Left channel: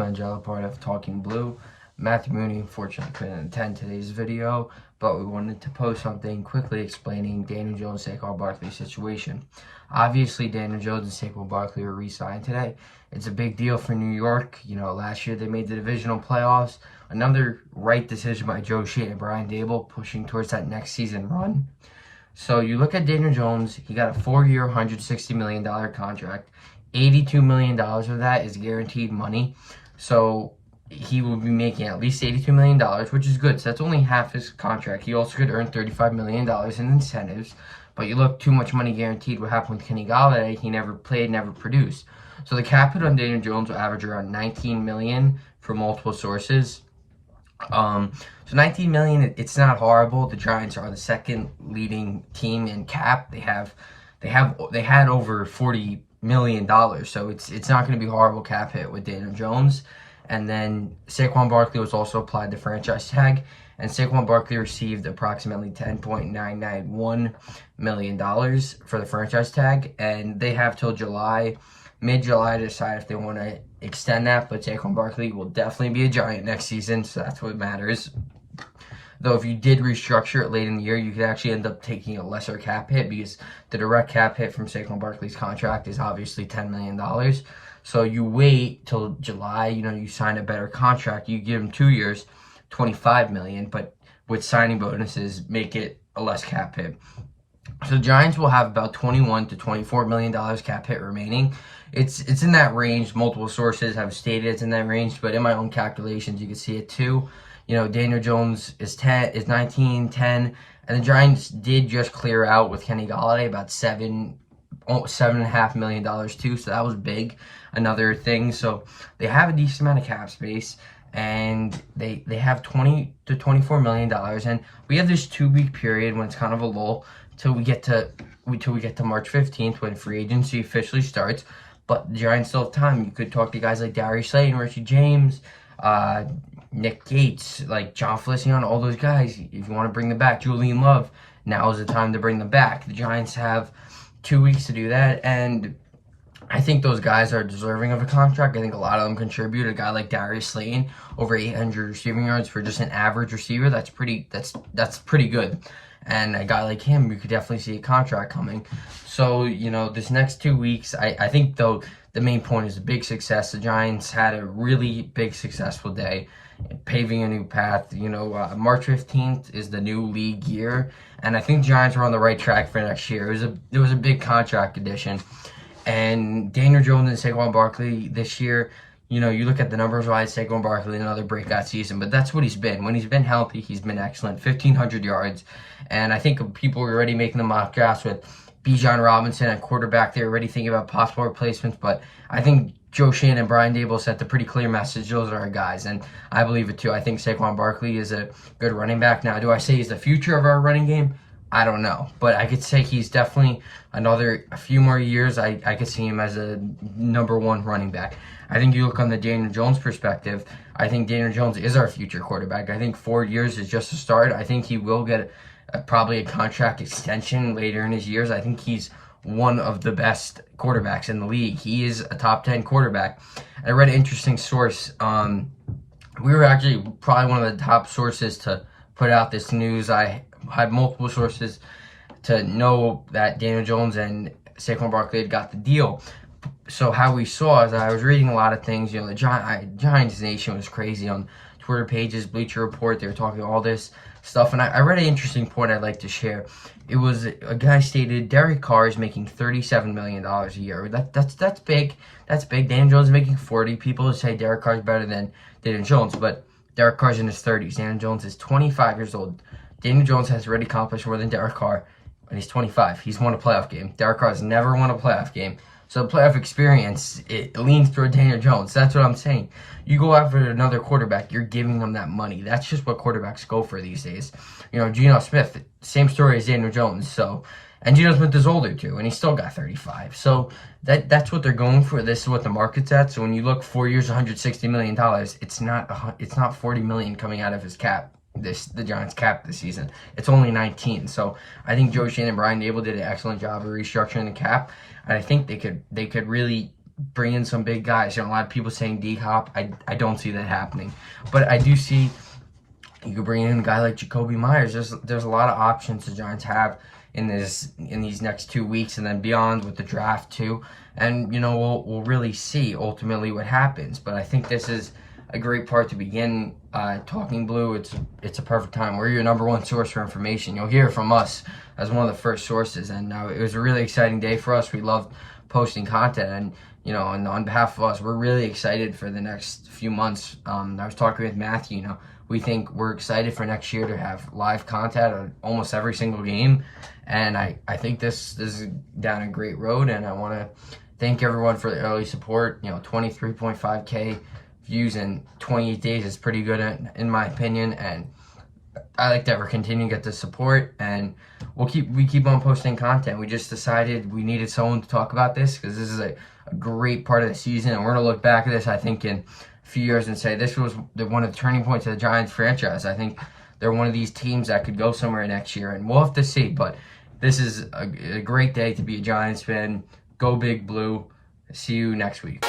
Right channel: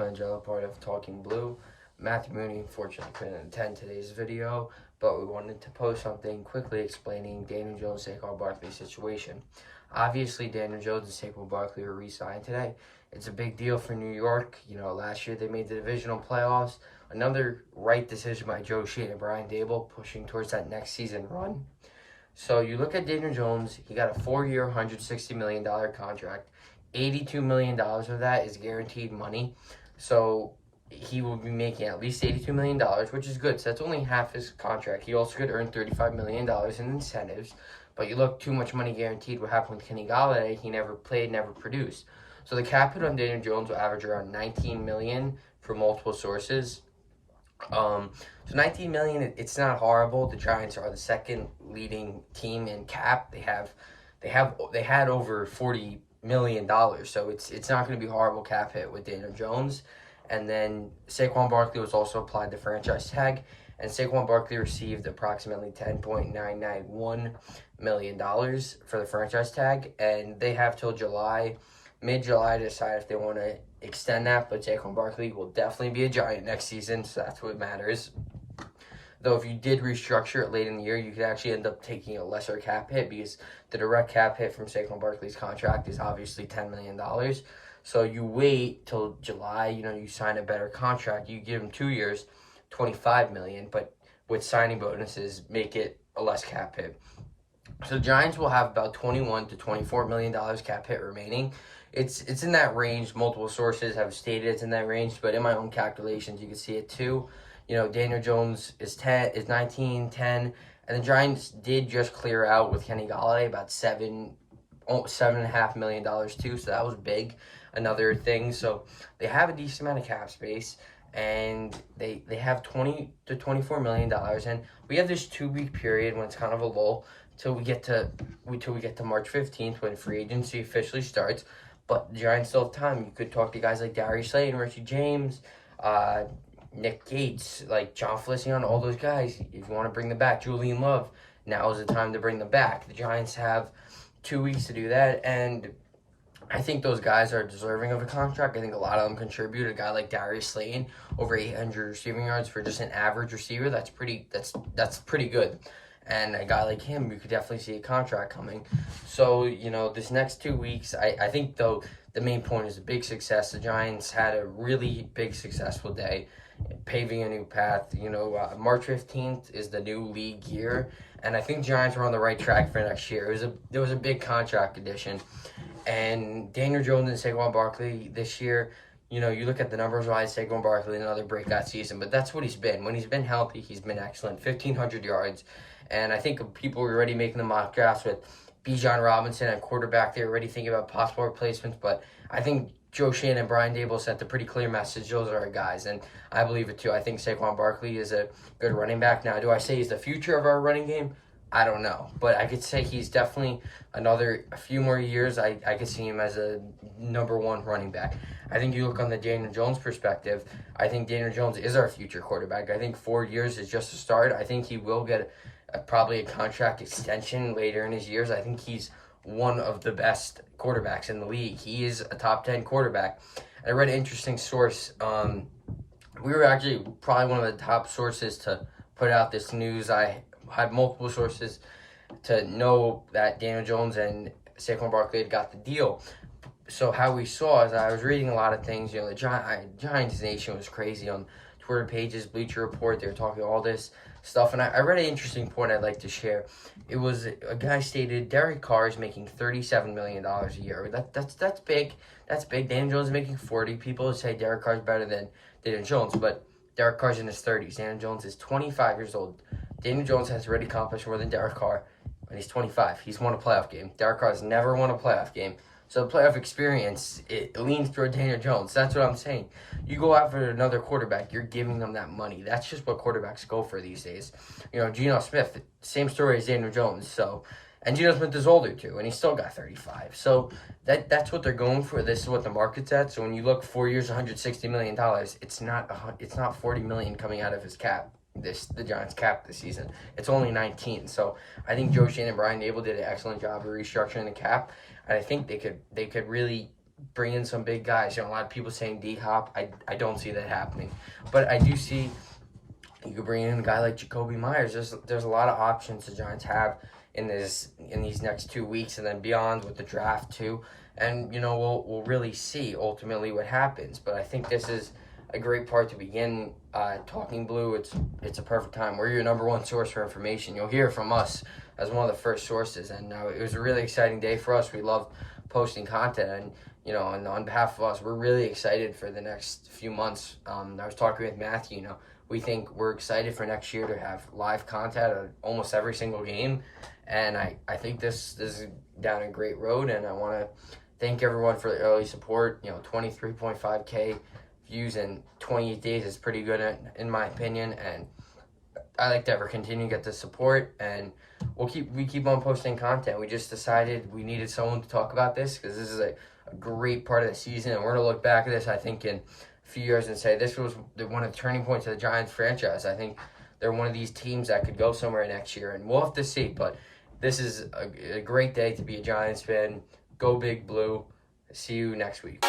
Angelo, part of Talking Blue. Matthew Mooney unfortunately couldn't attend today's video, but we wanted to post something quickly explaining Daniel Jones and Saquon Barkley's situation. Obviously, Daniel Jones and Saquon Barkley were re-signed today. It's a big deal for New York. Last year they made the divisional playoffs. Another right decision by Joe Schoen and Brian Daboll, pushing towards that next season run. So you look at Daniel Jones, he got a 4-year, $160 million contract. $82 million of that is guaranteed money. So he will be making at least $82 million, which is good. So that's only half his contract. He also could earn $35 million in incentives. But you look, too much money guaranteed. What happened with Kenny Golladay? He never played, never produced. So the cap hit on Daniel Jones will average around $19 million for multiple sources. So $19 million, it's not horrible. The Giants are the second leading team in cap. They had over $40 million, so it's not going to be a horrible cap hit with Daniel Jones. And then Saquon Barkley was also applied the franchise tag, and Saquon Barkley received approximately $10.991 million for the franchise tag, and they have till mid-July to decide if they want to extend that. But Saquon Barkley will definitely be a Giant next season, so that's what matters. Though if you did restructure it late in the year, you could actually end up taking a lesser cap hit, because the direct cap hit from Saquon Barkley's contract is obviously $10 million. So you wait till July, you sign a better contract. You give him 2 years, $25 million, but with signing bonuses, make it a less cap hit. So the Giants will have about $21 to $24 million cap hit remaining. It's in that range. Multiple sources have stated it's in that range, but in my own calculations, you can see it too. Daniel Jones is 19, 10, and the Giants did just clear out with Kenny Golladay about $7.5 million too, so that was big. Another thing, so they have a decent amount of cap space, and they have $20 to $24 million, and we have this 2-week period when it's kind of a lull till we get to March 15th when free agency officially starts. But the Giants still have time. You could talk to guys like Darius Slay and Richie James, Nick Gates, like John Feliciano, all those guys. If you want to bring them back, Julian Love, now is the time to bring them back. The Giants have 2 weeks to do that, and I think those guys are deserving of a contract. I think a lot of them contribute. A guy like Darius Slayton, over 800 receiving yards for just an average receiver, that's pretty good. And a guy like him, you could definitely see a contract coming. So, this next 2 weeks, I think, though, the main point is a big success. The Giants had a really big, successful day, paving a new path. March 15th is the new league year, and I think the Giants are on the right track for next year. It was a big contract addition. And Daniel Jones and Saquon Barkley this year, you look at the numbers-wise, Saquon Barkley, another breakout season, but that's what he's been. When he's been healthy, he's been excellent, 1,500 yards. And I think people are already making the mock drafts with Bijan Robinson at quarterback. They're already thinking about possible replacements, but I think Joe Schoen and Brian Daboll sent a pretty clear message. Those are our guys, and I believe it too. I think Saquon Barkley is a good running back. Now, do I say he's the future of our running game? I don't know, but I could say he's definitely a few more years. I could see him as a number 1 running back. I think you look on the Daniel Jones perspective, I think Daniel Jones is our future quarterback. I think 4 years is just a start. I think he will get probably a contract extension later in his years. I think he's one of the best quarterbacks in the league. He is a top 10 quarterback. I read an interesting source. We were actually probably one of the top sources to put out this news. I had multiple sources to know that Daniel Jones and Saquon Barkley had got the deal. So how we saw is I was reading a lot of things. The Giants Nation was crazy on Twitter pages, Bleacher Report. They were talking all this stuff, and I read an interesting point I'd like to share. It was a guy stated Derek Carr is making $37 million a year. That's big. That's big. Daniel Jones is making 40. People say Derek Carr is better than Daniel Jones, but Derek Carr's in his 30s. Daniel Jones is 25 years old. Daniel Jones has already accomplished more than Derek Carr, and he's 25. He's won a playoff game. Derek Carr has never won a playoff game. So the playoff experience, it leans toward Daniel Jones. That's what I'm saying. You go after another quarterback, you're giving them that money. That's just what quarterbacks go for these days. Geno Smith, same story as Daniel Jones. And Geno Smith is older too, and he still got 35. So that's what they're going for. This is what the market's at. So when you look 4 years, $160 million, it's not $40 million coming out of his cap. The Giants cap this season. It's only 19. So I think Joe Schoen and Brian Daboll did an excellent job of restructuring the cap, and I think they could really bring in some big guys. A lot of people saying D-Hop. I don't see that happening. But I do see you could bring in a guy like Jacoby Myers. There's a lot of options the Giants have in these next 2 weeks and then beyond with the draft too. And we'll really see ultimately what happens. But I think this is a great part to begin talking blue. It's a perfect time. We're your number one source for information. You'll hear from us as one of the first sources. And it was a really exciting day for us. We loved posting content, and and on behalf of us, we're really excited for the next few months. I was talking with Matthew. We think we're excited for next year to have live content on almost every single game, and I think this is down a great road. And I want to thank everyone for the early support. 23.5K views in 28 days is pretty good in my opinion, and I like that we're continuing to get the support, and we keep on posting content. We just decided we needed someone to talk about this because this is a great part of the season, and we're gonna look back at this, I think, in a few years and say this was one of the turning points of the Giants franchise. I think they're one of these teams that could go somewhere next year, and we'll have to see. But this is a great day to be a Giants fan. Go Big Blue. See you next week.